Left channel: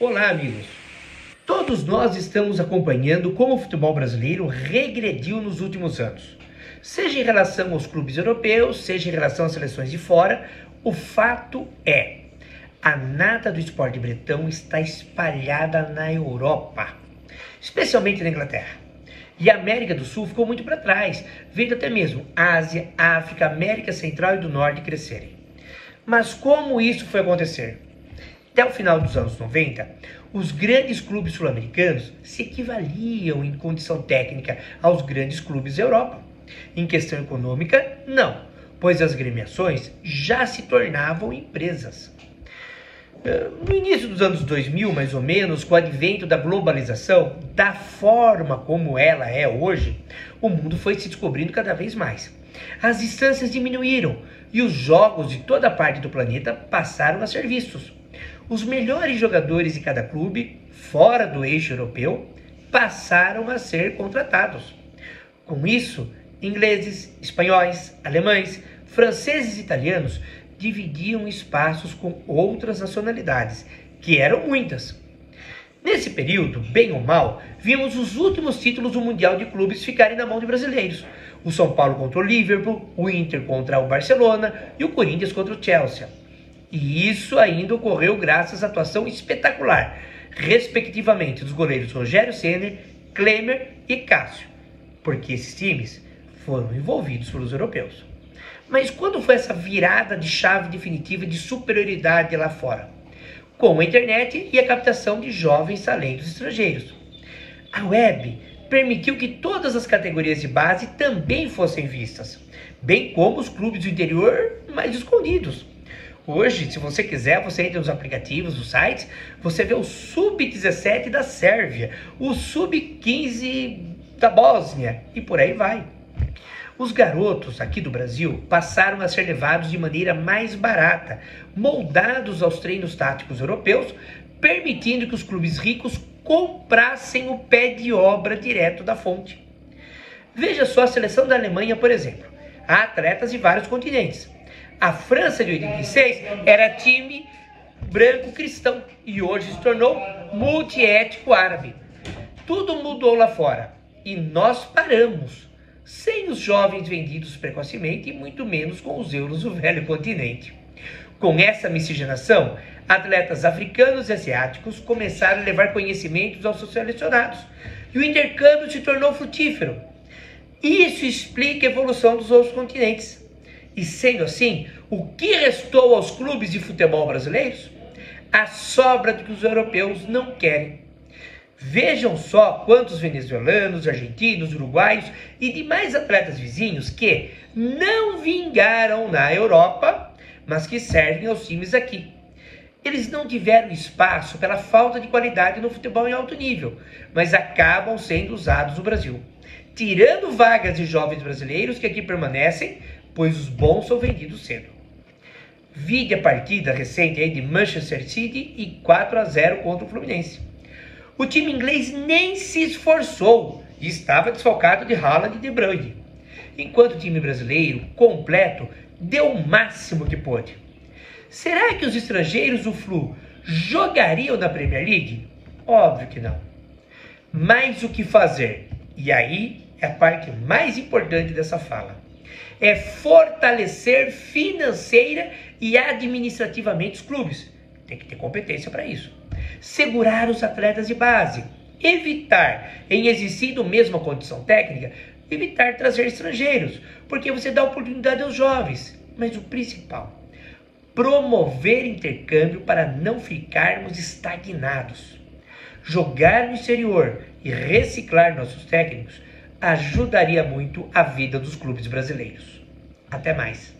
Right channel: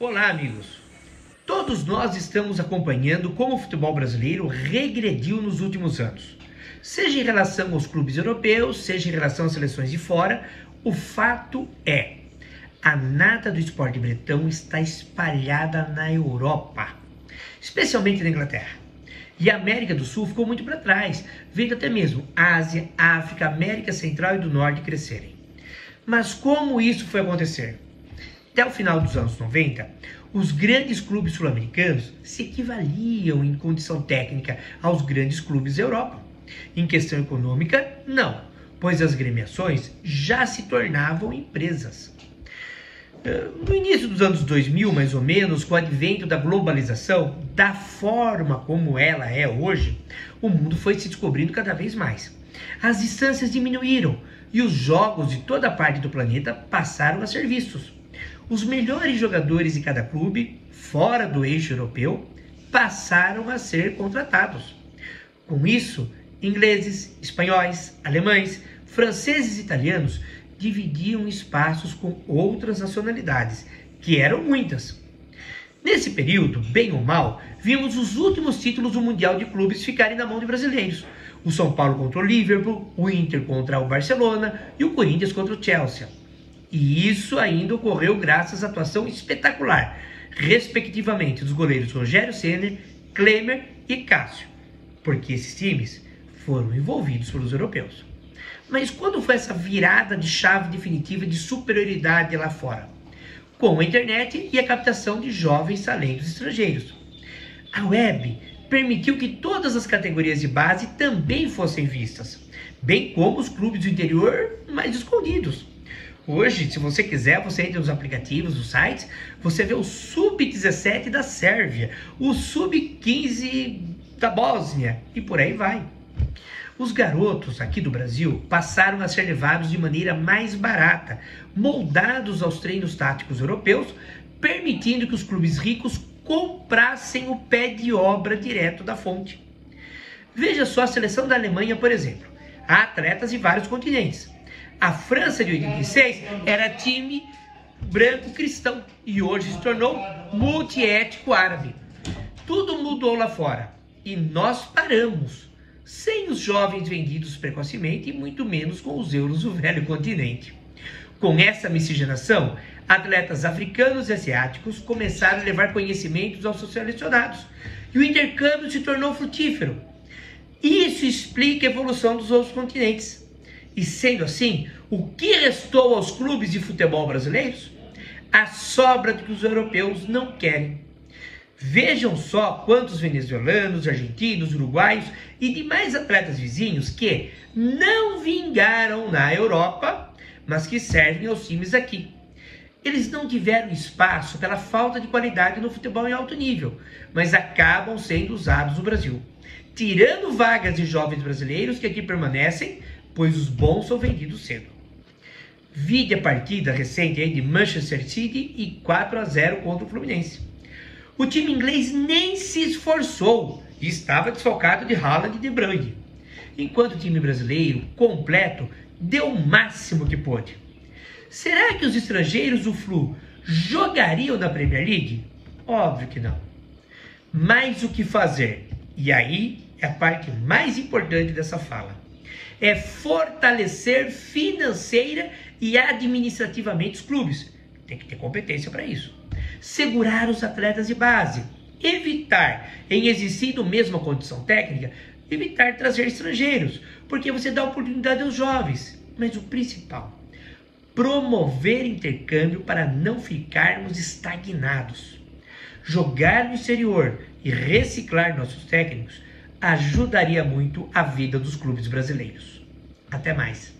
Olá, amigos! Todos nós estamos acompanhando como o futebol brasileiro regrediu nos últimos anos. Seja em relação aos clubes europeus, seja em relação às seleções de fora, o fato é, a nata do esporte bretão está espalhada na Europa, especialmente na Inglaterra. E a América do Sul ficou muito para trás, vendo até mesmo Ásia, África, América Central e do Norte crescerem. Mas como isso foi acontecer? Até o final dos anos 90, os grandes clubes sul-americanos se equivaliam em condição técnica aos grandes clubes da Europa. Em questão econômica, não, pois as gremiações já se tornavam empresas. No início dos anos 2000, mais ou menos, com o advento da globalização, da forma como ela é hoje, o mundo foi se descobrindo cada vez mais. As distâncias diminuíram e os jogos de toda parte do planeta passaram a ser vistos. Os melhores jogadores de cada clube, fora do eixo europeu, passaram a ser contratados. Com isso, ingleses, espanhóis, alemães, franceses e italianos dividiam espaços com outras nacionalidades, que eram muitas. Nesse período, bem ou mal, vimos os últimos títulos do Mundial de Clubes ficarem na mão de brasileiros. O São Paulo contra o Liverpool, o Inter contra o Barcelona e o Corinthians contra o Chelsea. E isso ainda ocorreu graças à atuação espetacular, respectivamente, dos goleiros Rogério Ceni, Klemer e Cássio, porque esses times foram envolvidos pelos europeus. Mas quando foi essa virada de chave definitiva de superioridade lá fora? Com a internet e a captação de jovens talentos estrangeiros. A web permitiu que todas as categorias de base também fossem vistas, bem como os clubes do interior mais escondidos. Hoje, se você quiser, você entra nos aplicativos, nos sites, você vê o Sub-17 da Sérvia, o Sub-15 da Bósnia e por aí vai. Os garotos aqui do Brasil passaram a ser levados de maneira mais barata, moldados aos treinos táticos europeus, permitindo que os clubes ricos comprassem o pé de obra direto da fonte. Veja só a seleção da Alemanha, por exemplo. Há atletas de vários continentes. A França de 86 era time branco cristão e hoje se tornou multiétnico árabe. Tudo mudou lá fora e nós paramos, sem os jovens vendidos precocemente e muito menos com os euros do velho continente. Com essa miscigenação, atletas africanos e asiáticos começaram a levar conhecimentos aos seus selecionados e o intercâmbio se tornou frutífero. Isso explica a evolução dos outros continentes. E sendo assim, o que restou aos clubes de futebol brasileiros? A sobra do que os europeus não querem. Vejam só quantos venezuelanos, argentinos, uruguaios e demais atletas vizinhos que não vingaram na Europa, mas que servem aos times aqui. Eles não tiveram espaço pela falta de qualidade no futebol em alto nível, mas acabam sendo usados no Brasil, tirando vagas de jovens brasileiros que aqui permanecem, pois os bons são vendidos cedo. Vide a partida recente aí de Manchester City e 4-0 contra o Fluminense. O time inglês nem se esforçou e estava desfalcado de Haaland e De Bruyne, enquanto o time brasileiro, completo, deu o máximo que pôde. Será que os estrangeiros do Flu jogariam na Premier League? Óbvio que não. Mas o que fazer? E aí é a parte mais importante dessa fala. É fortalecer financeira e administrativamente os clubes. Tem que ter competência para isso. Segurar os atletas de base. Evitar, em existindo mesmo a condição técnica, evitar trazer estrangeiros, porque você dá oportunidade aos jovens. Mas o principal, promover intercâmbio para não ficarmos estagnados. Jogar no exterior e reciclar nossos técnicos ajudaria muito a vida dos clubes brasileiros. Até mais!